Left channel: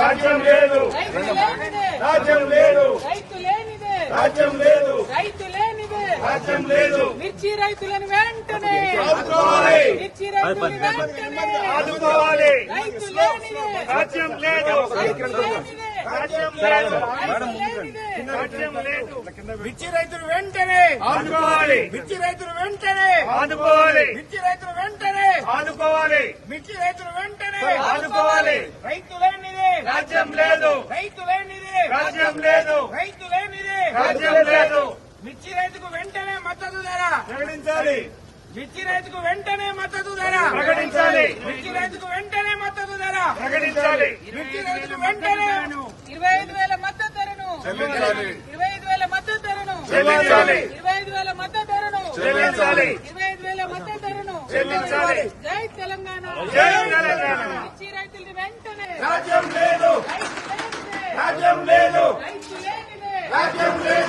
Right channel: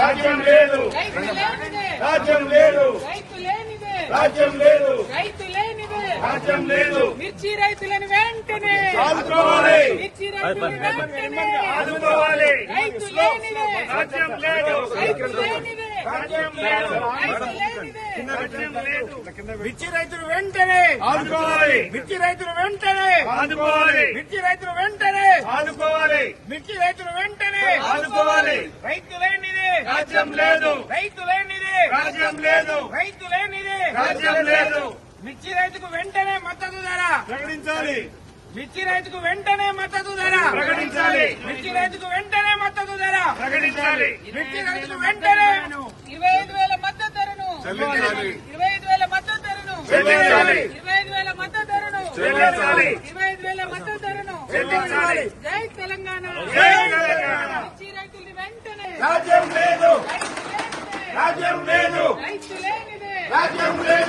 రాజ్యం లేదు, రైతు లేనిదే, రాజ్యం లేదు, రైతు లేనిదే, రాజ్యం లేదు, రైతు లేనిదే, రాజ్యం లేదు. మిర్చి రైతులను వెంటనే ఆదుకోవాలి, మిర్చి రైతులను వెంటనే ఆదుకోవాలి. రైతు లేనిదే, రాజ్యం లేదు, రైతు లేనిదే, రాజ్యం లేదు, రైతు లేనిదే, రాజ్యం లేదు. మిర్చి రైతులు వెంటనే ఆదుకోవాలి, మిర్చి రైతులు వెంటనే ఆదుకోవాలి, మిర్చి రైతులు వెంటనే ఆదుకోవాలి, మిర్చి రైతులు వెంటనే ఆదుకోవాలి. రైతు లేనిదే, రాజ్యం లేదు, రైతు లేనిదే, రాజ్యం లేదు, రైతు లేనిదే, రాజ్యం లేదు. మిర్చి రైతుకు వెంటనే మద్దతు ధర, ప్రకటించాలి, మిర్చి రైతుకు వెంటనే మద్దతు ధర, ప్రకటించాలి, మిర్చి రైతుకు వెంటనే మద్దతు ధర, ప్రకటించాలి. మిర్చి రైతుకు వెంటనే 25,000 మద్దతు ధరను, చెల్లించాలి, 25,000 మద్దతు ధరను, చెల్లించాలి, 25,000 మద్దతు ధరను, చెల్లించాలి, 25,000 మద్దతు ధరను. చెల్లించాలి. జై తెలంగాణ, జై తెలంగాణ. మిర్చి రైతులకు వెంటనే రాజ్యం లేదు, రైతు లేనిదే, రాజ్యం లేదు, రైతు లేనిదే, రాజ్యం లేదు.